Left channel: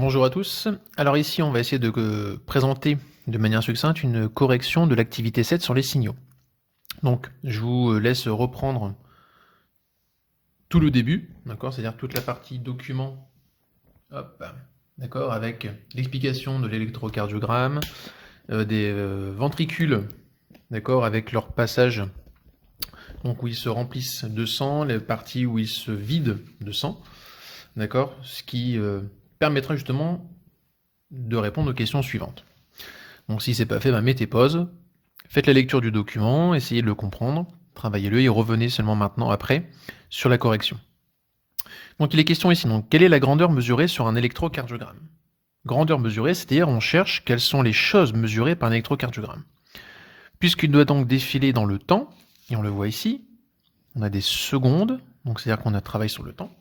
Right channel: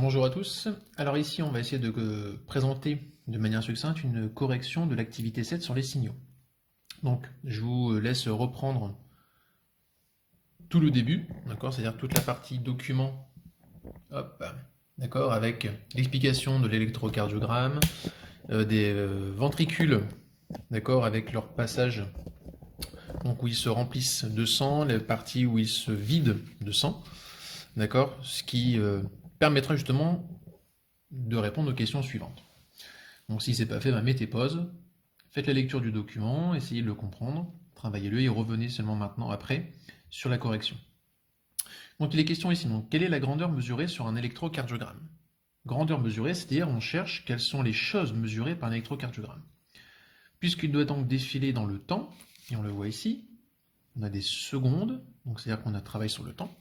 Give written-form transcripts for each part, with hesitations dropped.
Bonjour à tous. Alors ici, on va essayer de présenter de manière succincte une correction de l'activité 7 sur les signaux. Donc, je vous laisse reprendre tout le début, d'accord, c'est-à-dire toute la partie document, hop, d'accord, avec l'explication de l'électrocardiogramme, des ventricules, d'accord, avec leur passage, donc où ils se remplissent de sang, les parties où ils se vident de sang, d'accord, ce qui permettra justement de répondre aux questions suivantes. Donc si c'est pas fait, mettez pause, faites la lecture du document, essayez de le comprendre, travaillez-le et revenez seulement maintenant après sur la correction. Donc il est question ici, donc, quelle est la grandeur mesurée sur un électrocardiogramme? Grandeur mesurée, c'est-à-dire on cherche quelles sont les choses mesurées par un électrocardiogramme. Puisqu'il doit donc défiler dans le temps, et on le voit ici, on a des secondes, donc c'est-à-dire qu'on a travaillé sur le temps.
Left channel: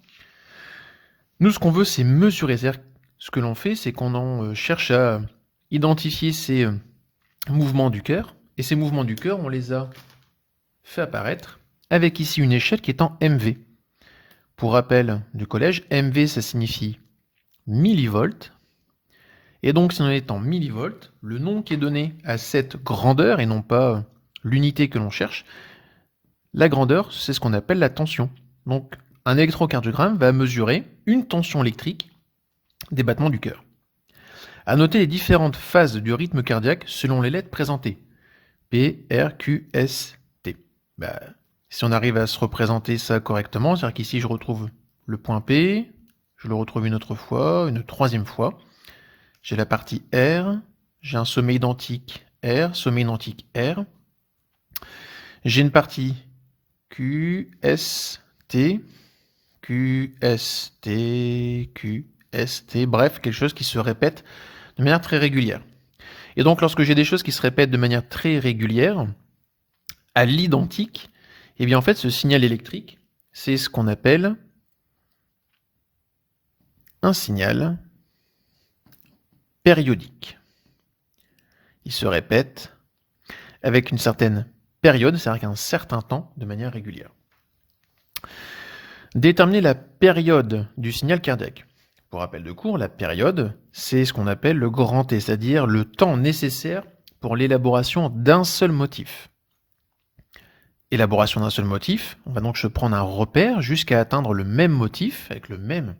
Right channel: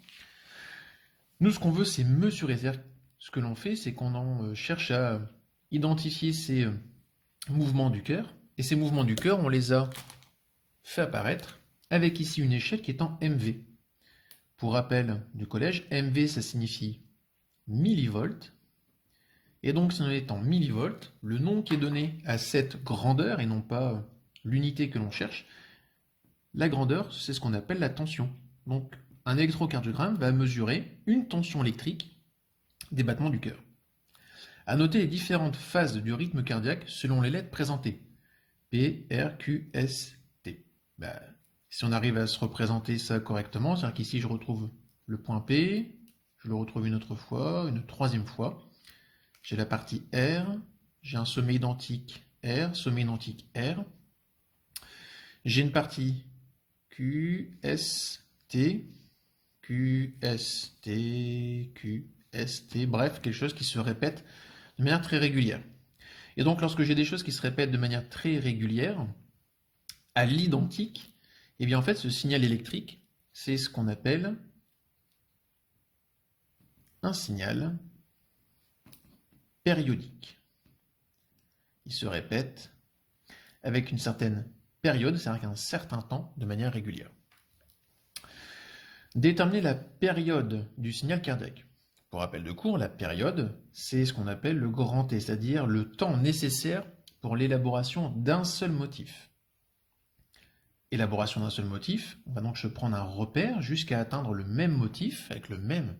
Nous, ce qu'on veut, c'est mesurer. C'est-à-dire ce que l'on fait, c'est qu'on en cherche à identifier ces mouvements du cœur. Et ces mouvements du cœur, on les a fait apparaître avec ici une échelle qui est en MV. Pour rappel du collège, MV, ça signifie millivolts. Et donc, si on est en millivolts, le nom qui est donné à cette grandeur, et non pas l'unité que l'on cherche, la grandeur, c'est ce qu'on appelle la tension. Donc, un électrocardiogramme va mesurer une tension électrique des battements du cœur. À noter les différentes phases du rythme cardiaque selon les lettres présentées. P, R, Q, S, T. Si on arrive à se représenter ça correctement, c'est-à-dire qu'ici je retrouve le point P, je le retrouve une autre fois, une troisième fois. J'ai la partie R, j'ai un sommet identique R, sommet identique R. J'ai une partie Q, S, T, Q, S, T, Q, S, T, bref, quelque chose qui se répète de manière très régulière. Et donc lorsque j'ai des choses qui se répètent de manière très régulière, à l'identique, eh bien en fait ce signal électrique, c'est ce qu'on appelle un signal périodique. Il se répète avec une certaine période, c'est-à-dire qu'un certain temps, de manière régulière. Déterminer la période du signal cardiaque. Pour rappel de cours, la période, c'est ce qu'on appelle le grand T, c'est-à-dire le temps nécessaire pour l'élaboration d'un seul motif. Élaboration d'un seul motif, on va donc se prendre un repère jusqu'à atteindre le même motif avec le même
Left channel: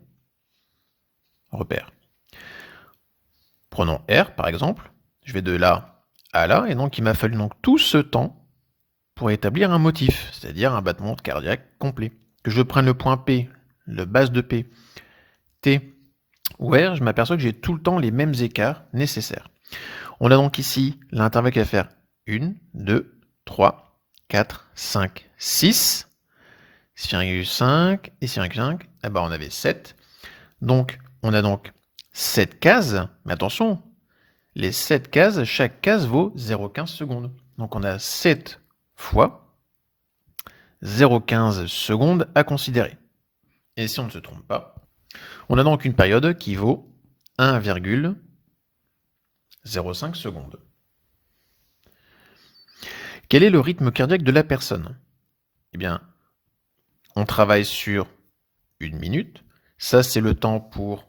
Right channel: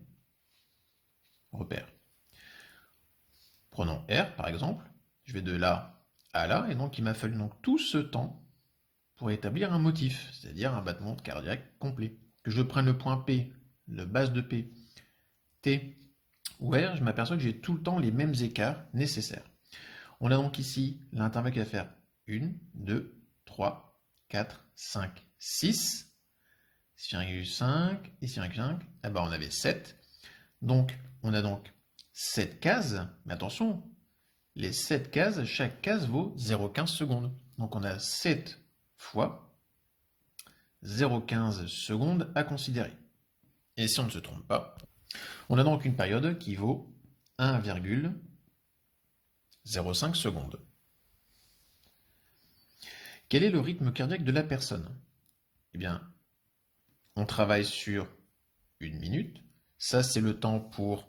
repère. Prenons R par exemple, je vais de là à là, et donc il m'a fallu donc tout ce temps pour établir un motif, c'est-à-dire un battement cardiaque complet. Que je prenne le point P, le base de P, T ou R, je m'aperçois que j'ai tout le temps les mêmes écarts nécessaires. On a donc ici l'intervalle qui va faire 1, 2, 3, 4, 5, 6, 6,5 et 6,5, on avait 7. Donc, on a donc 7 cases, mais attention, les 7 cases, chaque case vaut 0,15 secondes. Donc on a 7 fois 0,15 secondes à considérer. Et si on ne se trompe pas, on a donc une période qui vaut 1,05 secondes. Quel est le rythme cardiaque de la personne? Eh bien, on travaille sur 1 minute. Ça, c'est le temps pour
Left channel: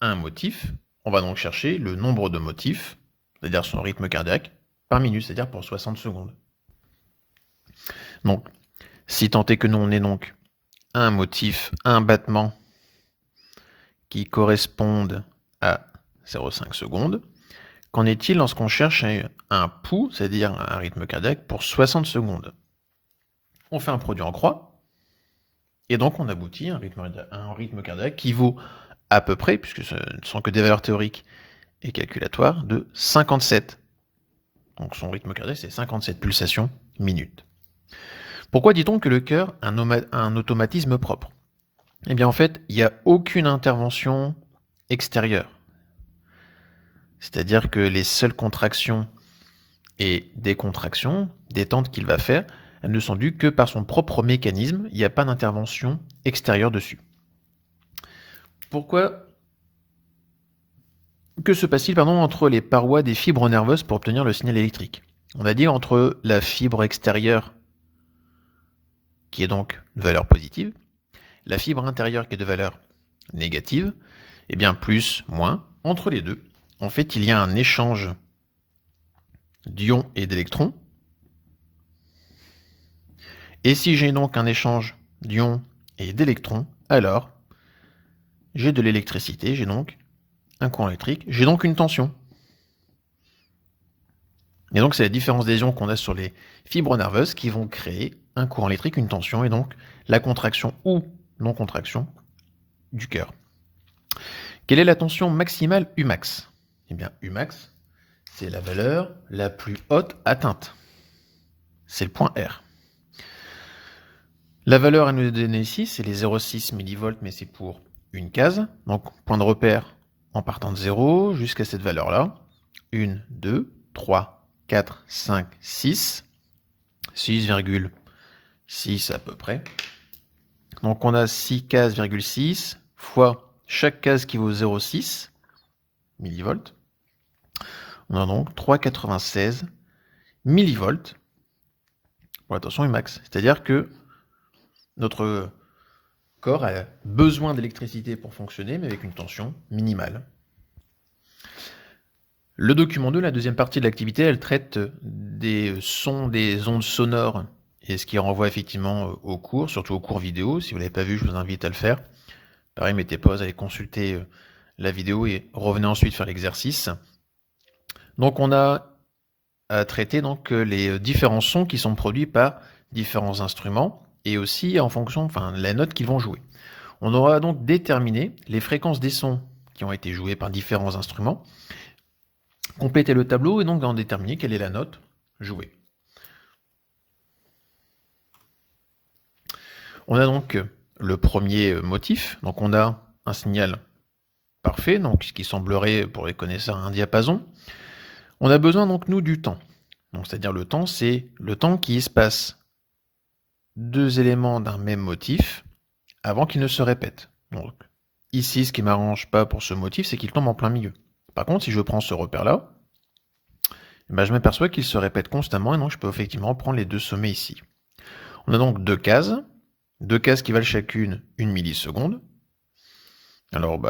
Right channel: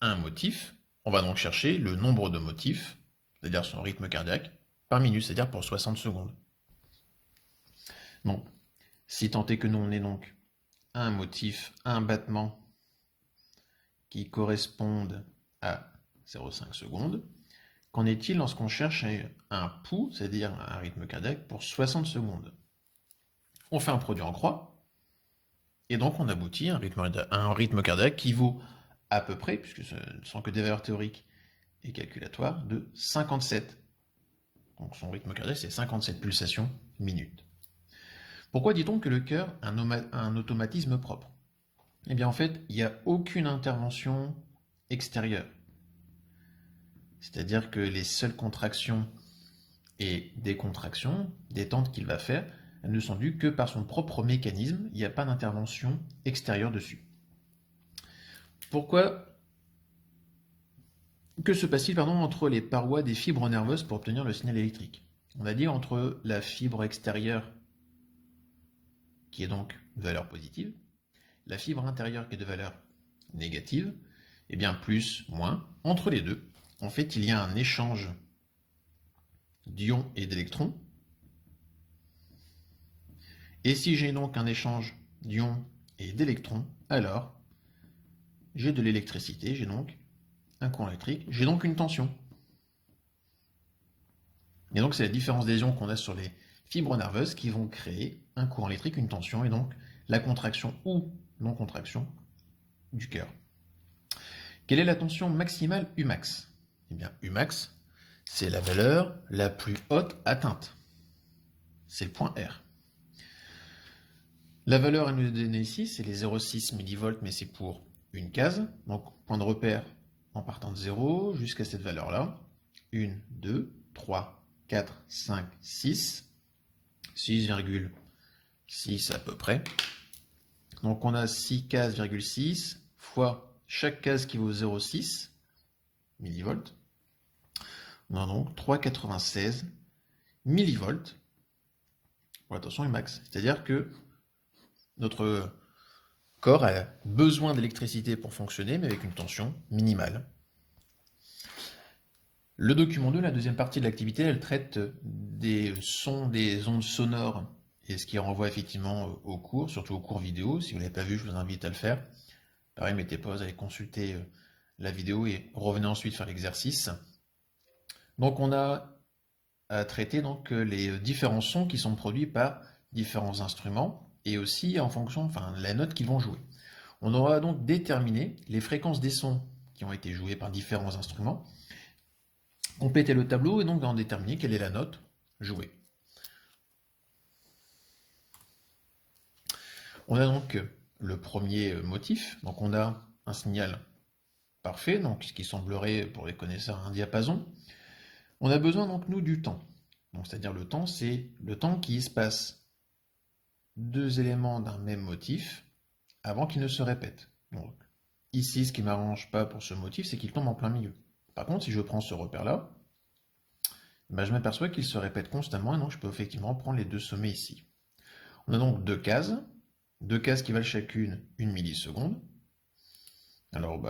un motif. On va donc chercher le nombre de motifs, c'est-à-dire son rythme cardiaque, par minute, c'est-à-dire pour 60 secondes. Donc, si tant est que nous, on ait donc un motif, un battement qui correspondent à 0,5 secondes, qu'en est-il lorsqu'on cherche un pouls, c'est-à-dire un rythme cardiaque, pour 60 secondes? On fait un produit en croix, et donc on aboutit à un rythme cardiaque qui vaut à peu près, puisque ce ne sont que des valeurs théoriques et calculatoires, de 57. Donc son rythme cardiaque, c'est 57 pulsations minutes. Pourquoi dit-on que le cœur a un automatisme propre? Eh bien en fait, il n'y a aucune intervention extérieure. C'est-à-dire que les seules contractions et décontractions, détentes qu'il va faire, elles ne sont dues que par son propre mécanisme, il n'y a pas d'intervention extérieure dessus. Pourquoi? Que se passe-t-il entre les parois des fibres nerveuses pour obtenir le signal électrique? On a dit entre la fibre extérieure, qui est donc de valeur positive, la fibre intérieure qui est de valeur négative, Eh bien, plus, moins, entre les deux. En fait, il y a un échange d'ions et d'électrons. Et si j'ai donc un échange d'ions et d'électrons, alors j'ai de l'électricité, j'ai donc un courant électrique, j'ai donc une tension. Et donc c'est la différence des ions qu'on a sur les fibres nerveuses qui vont créer un courant électrique, une tension, et donc la contraction ou non-contraction du cœur. Quelle est la tension maximale Umax? Eh bien Umax, c'est la valeur la plus haute atteinte. C'est le point R. La valeur à nous donner ici, c'est les 0,6 mV, mais c'est pour une case. Donc, point de repère en partant de 0 jusqu'à cette valeur-là. 1, 2, 3, 4, 5, 6. 6,6 à peu près. Donc, on a 6 cases,6 fois chaque case qui vaut 0,6 mV. On a donc 3,96 mV pour la tension Umax. C'est-à-dire que notre corps a besoin d'électricité pour fonctionner, mais avec une tension minimale. Le document 2, la deuxième partie de l'activité, elle traite des sons, des ondes sonores, et ce qui renvoie effectivement au cours, surtout au cours vidéo. Si vous ne l'avez pas vu, je vous invite à le faire. Pareil, mettez pause, allez consulter la vidéo et revenez ensuite faire l'exercice. Donc on a à traiter donc, les différents sons qui sont produits par différents instruments, et aussi en fonction, enfin, la note qu'ils vont jouer. On aura donc déterminé les fréquences des sons qui ont été joués par différents instruments, compléter le tableau et donc en déterminer quelle est la note jouée. On a donc le premier motif, donc on a un signal parfait, donc ce qui semblerait pour les connaisseurs un diapason. On a besoin donc nous du temps. Donc c'est-à-dire le temps, c'est le temps qui espace deux éléments d'un même motif avant qu'ils ne se répètent. Donc ici, ce qui m'arrange pas pour ce motif, c'est qu'il tombe en plein milieu. Par contre, si je prends ce repère-là, ben, je m'aperçois qu'il se répète constamment et donc je peux effectivement prendre les deux sommets ici. On a donc deux cases qui valent chacune 1 milliseconde. Alors,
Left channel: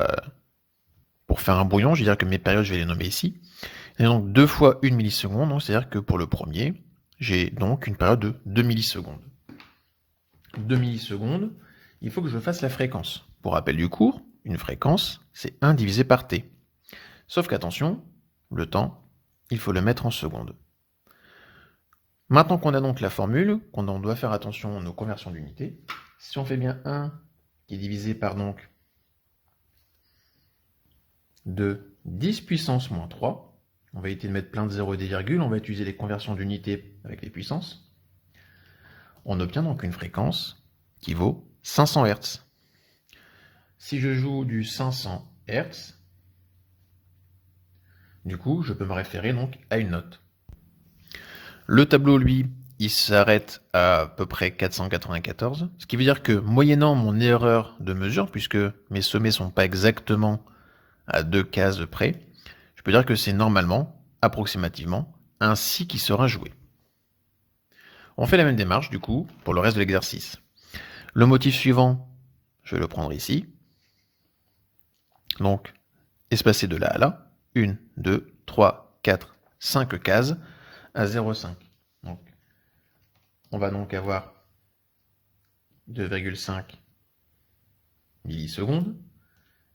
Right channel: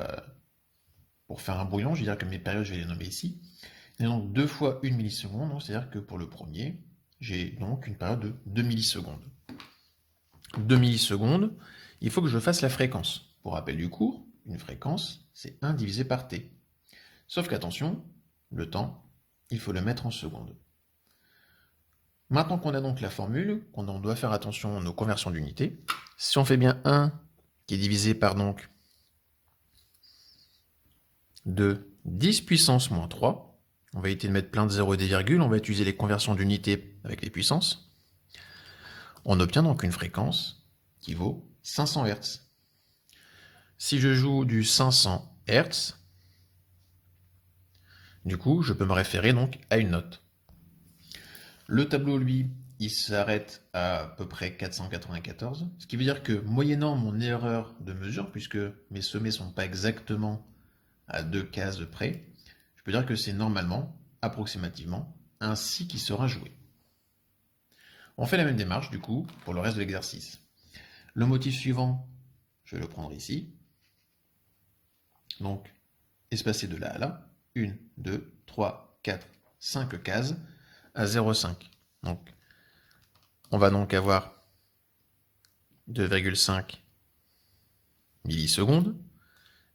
pour faire un brouillon, je vais dire que mes périodes, je vais les nommer ici. Et donc 2 fois 1 milliseconde, c'est-à-dire que pour le premier, j'ai donc une période de 2 millisecondes. 2 millisecondes, il faut que je fasse la fréquence. Pour rappel du cours, une fréquence, c'est 1 divisé par t. Sauf qu'attention, le temps, il faut le mettre en secondes. Maintenant qu'on a donc la formule, qu'on doit faire attention à nos conversions d'unités, si on fait bien 1 qui est divisé par donc 2 10 puissance moins 3, on va éviter de mettre plein de zéros et des virgules, on va utiliser les conversions d'unités avec les puissances, on obtient donc une fréquence qui vaut 500 Hz. Si je joue du 500 Hz, du coup, je peux me référer donc à une note. Le tableau, lui, il s'arrête à peu près 494, ce qui veut dire que moyennant mon erreur de mesure, puisque mes sommets ne sont pas exactement à 2 cases près, je peux dire que c'est normalement, approximativement, un si qui sera joué. On fait la même démarche, du coup, pour le reste de l'exercice. Le motif suivant, je vais le prendre ici. Donc, espacé de là à là, 1, 2, 3, 4, 5 cases à 0,5. Donc, on va donc avoir 2,5 millisecondes.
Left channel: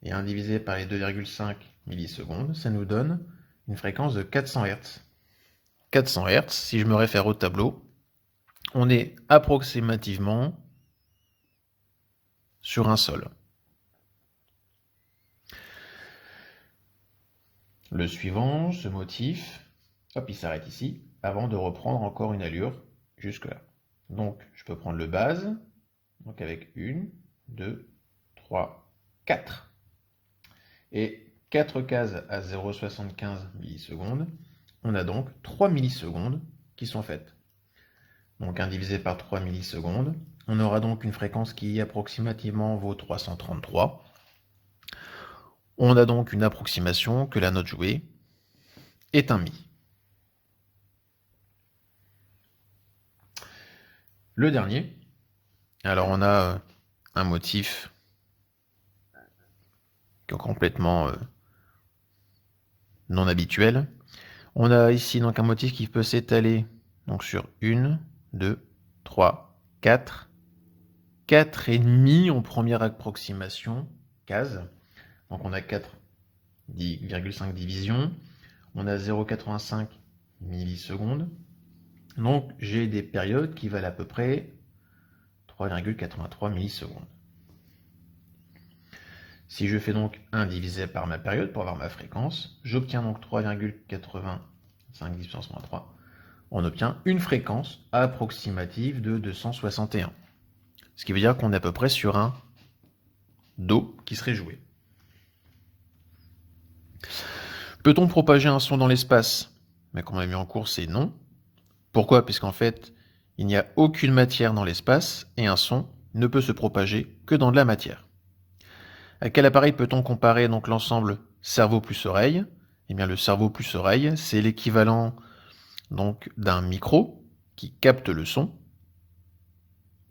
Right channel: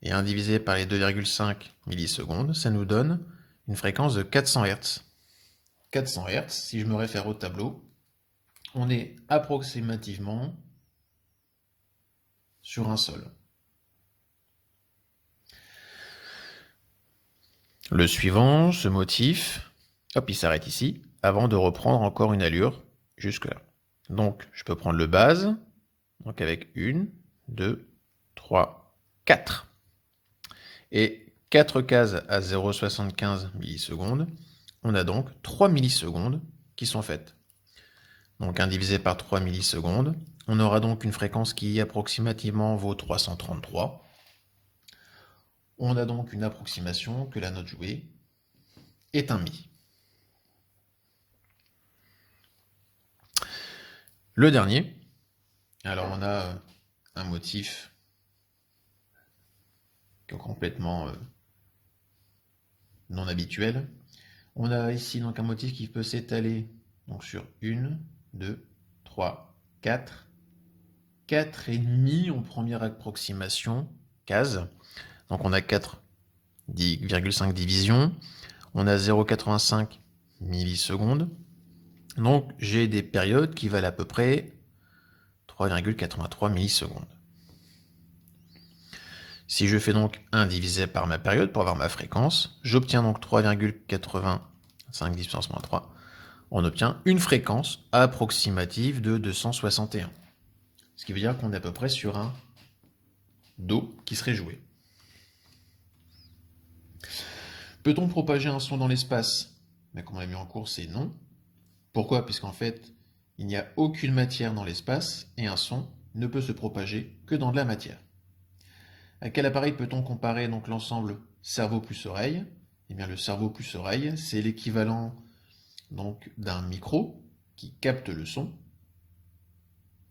Et 1 divisé par les 2,5 millisecondes, ça nous donne une fréquence de 400 Hz. 400 Hz, si je me réfère au tableau, on est approximativement sur un sol. Le suivant, ce motif, hop, il s'arrête ici, avant de reprendre encore une allure jusque là. Donc, je peux prendre le base, donc avec 1, 2, 3, 4. Et 4 cases à 0,75 millisecondes, on a donc 3 millisecondes qui sont faites. Donc 1 divisé par 3 millisecondes, on aura donc une fréquence qui approximativement vaut 333. On a donc une approximation que la note jouée est un mi. Le dernier, alors on a un motif complètement non habituel. On a ici donc un motif qui peut s'étaler donc sur 1, 2, 3, 4, 4,5 en première approximation, case. Donc on a 4,5 divisions, on a 0,85 millisecondes. Donc j'ai des périodes qui valent à peu près 3,83 millisecondes. Si je fais donc 1 divisé par ma période pour avoir ma fréquence, j'obtiens donc 3,85 10 puissance moins 3. On obtient une fréquence approximative de 261. Ce qui veut dire qu'on est à peu près sur un Do qui serait joué. Peut-on propager un son dans l'espace? Mais comme on l'a mis en cours, c'est non. Pourquoi? Puisqu'en fait, il n'y a aucune matière dans l'espace et un son ne peut se propager que dans de la matière. À quel appareil peut-on comparer donc l'ensemble cerveau plus oreille? Eh bien, le cerveau plus oreille, c'est l'équivalent donc d'un micro qui capte le son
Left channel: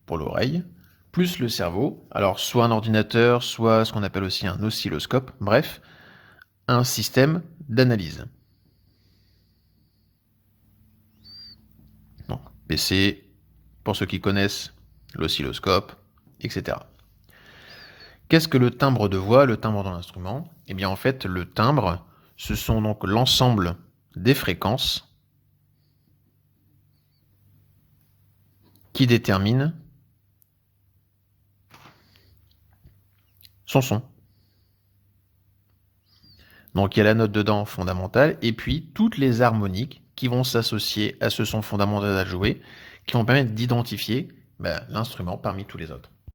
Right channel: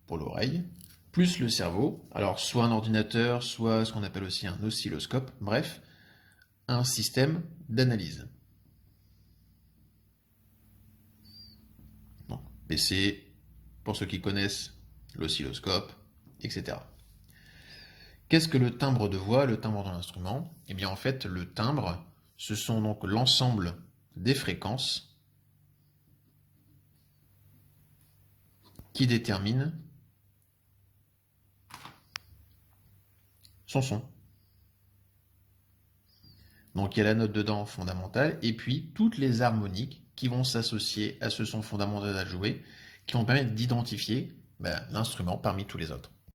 pour l'oreille, plus le cerveau, alors soit un ordinateur, soit ce qu'on appelle aussi un oscilloscope, bref, un système d'analyse. Donc, PC, pour ceux qui connaissent, l'oscilloscope, etc. Qu'est-ce que le timbre de voix, le timbre dans l'instrument? Eh bien, en fait, le timbre, ce sont donc l'ensemble des fréquences qui déterminent son son. Donc, il y a la note dedans fondamentale, et puis toutes les harmoniques qui vont s'associer à ce son fondamental à jouer, qui vont permettre d'identifier l'instrument parmi tous les autres.